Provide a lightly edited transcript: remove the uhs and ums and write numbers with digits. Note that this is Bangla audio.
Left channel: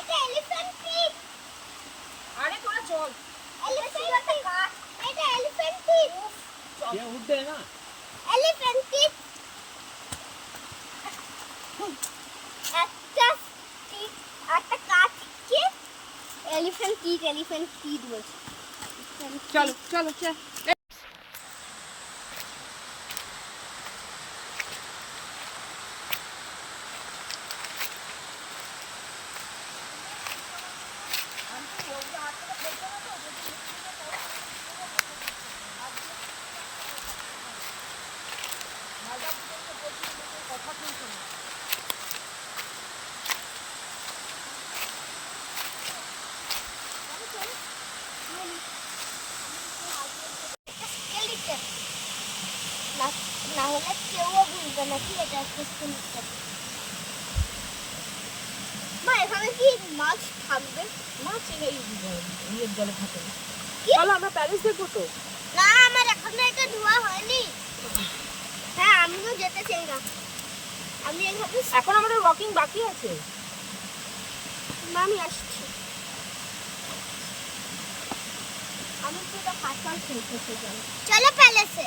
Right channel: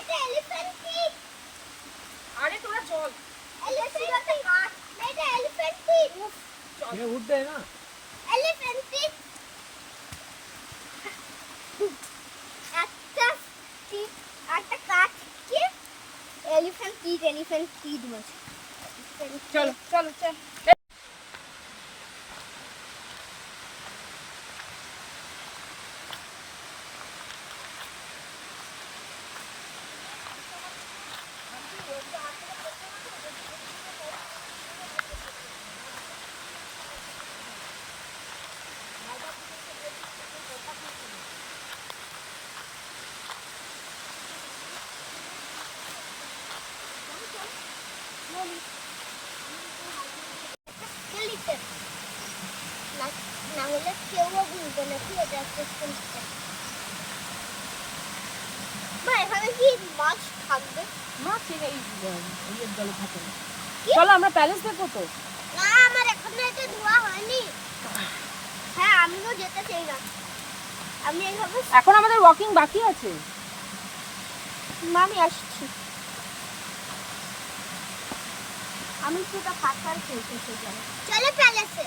এটা এলিফ্যান্ট ফিট। আরে তোরা চল। Elephant fit. এটা এলিফ্যান্ট ফিট। ये उड़ते है ना। Elephant fit. একটা কাঠকে এলিফ্যান্ট ফিট বলছে। চলো চলো চল। স্কেলিটন না হলে কেউ বুঝবে না কি এটা একটা স্কেলিটন। মা এখানে কি মাছ থাকবে? মাছ এই ইয়ের জলে থাকে। চলো আমরা প্যালেস দেখবো তো। না আমার এখনো এটা ধোয়া হয়নি। হ্যাঁ আমিও যেতে চাই না। আমি এইভাবে এখন আমাদের ওয়াকিং বাকি আছে। আমি আসছি। আমি পুরো ফাঁকা খেলতে চাই। চলো প্যালেসে।